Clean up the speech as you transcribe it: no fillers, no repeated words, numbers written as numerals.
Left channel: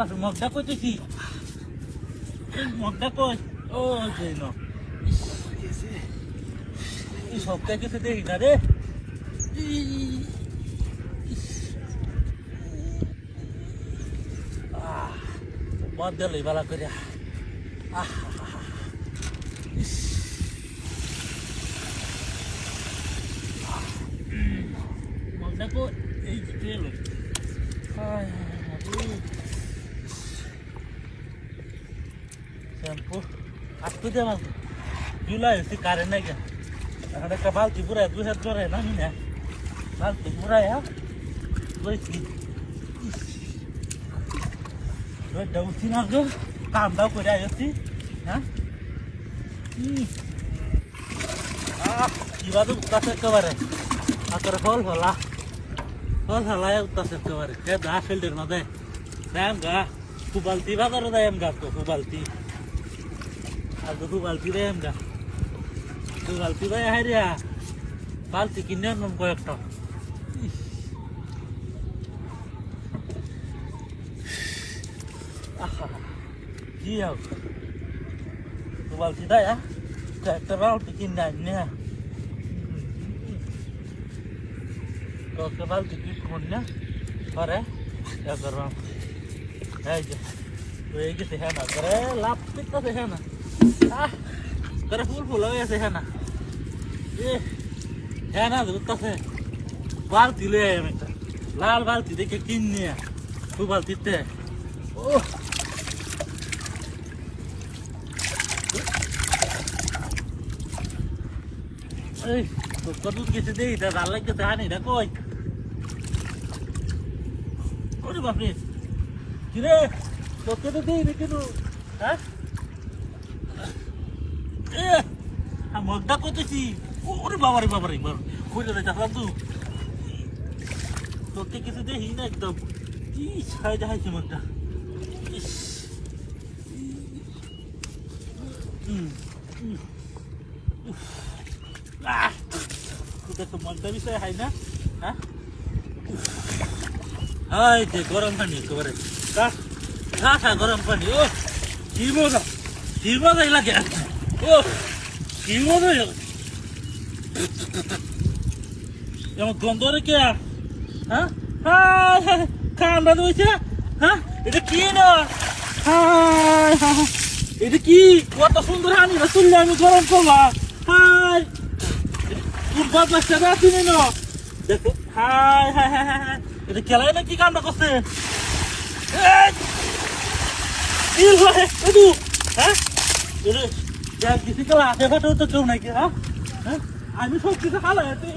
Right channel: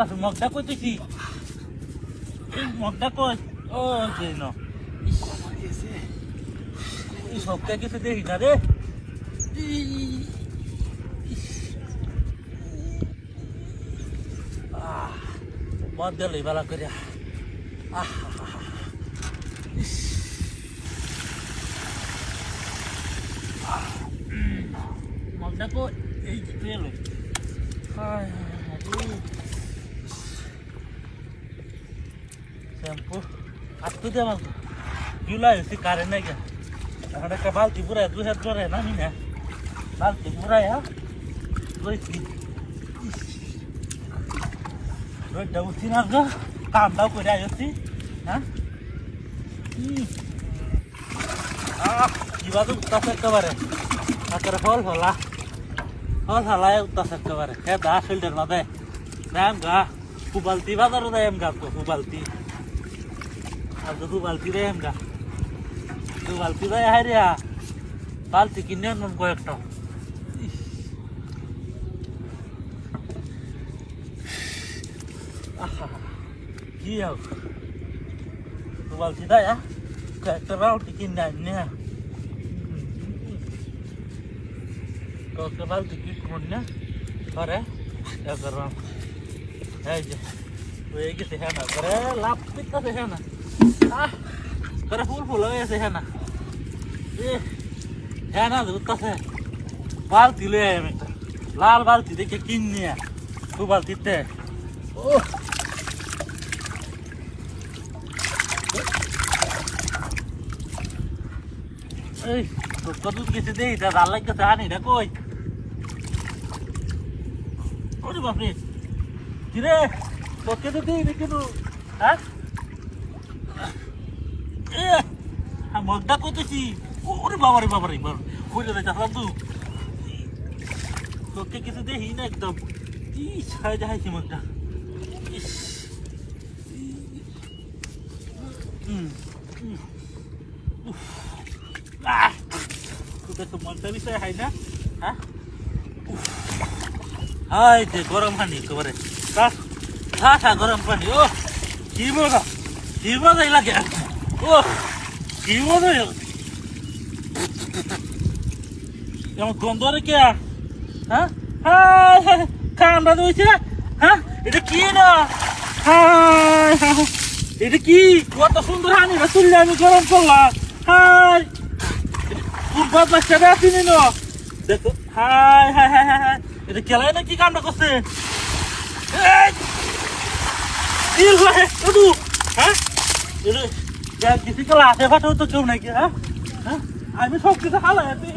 বাসে মগটা কইতেছি মগটা কই ও যে ন এই সবটা কিছু দেখি না রে মদ দিল বেলা করে মগটা কই এই তেল শ্যাম্পু আসতে দে আমার কিলা হয়েছে কারেন্ট নাই এখন একটা বালতি পুরাই 2 হাত ধরে না নি না বালতি পুরাই রয়েছি রোদটা উঠছি না গো কামটাও করে আসছি হ্যাঁ কিভাবে উত্তাস একেবারে আপনার ফল ফলা উত্তাস একেবারে হ্যাঁ দা ফিল্টার না দেয় দাম গা ফুবালতি বাজারও দেয় এম গা তো ফুবালতি আর তো ফুবালতি দেয় এম গা ফুবালতি দেয় হাই রে বালতি কিনে নুন কয়েকটা কি হবে ফুবালতি দেয় একটা বালতি কিনে আনি তো বালতি কি কোন করে এই যে এই যে দেখে না করে লাভ দেখতে দেখে না করে ফুল হয়ে গেছে হ্যাঁ না হ্যাঁ না উঠতেছে বালতি লয়ে একটা লাল বালতি দেখে কিন নিয়ে দু বালতিতে ও এই কত কিছু দেই এটা ভাল লাগছে আনি এটা কই ওরে বাপরে কিরে তোকে তো দিই কিন্তু হ্যাঁ মগটা করতেছি ওরে বাবারে বাবারে বুঝে যাচ্ছ তুই তোকে কিছু দেখি না একদম কি ছাই দেখাইছি মগটা তোকে তো মগটা বিষয় হয় না হ্যাঁ হাই যে গরম পানি একেবারে খা গরম পানি ও কি মজা লাগে ও কি মজা যেমন দ্বন্দ্বরে কে হ্যাঁ ঠান্ডা দিয়েছে হ্যাঁ এটা কি না এটা কি কত সুন্দর হানি তুললে আমি গরম করলাম হাই কোন বাচ্চা আসিনি না দেখো হাই এটা খেলায় না কি কামটা করছে কিছু খেলা আছে ফাটা তো কেউ নাকি হ্যাঁ আমি সব কিছু হালাই তুই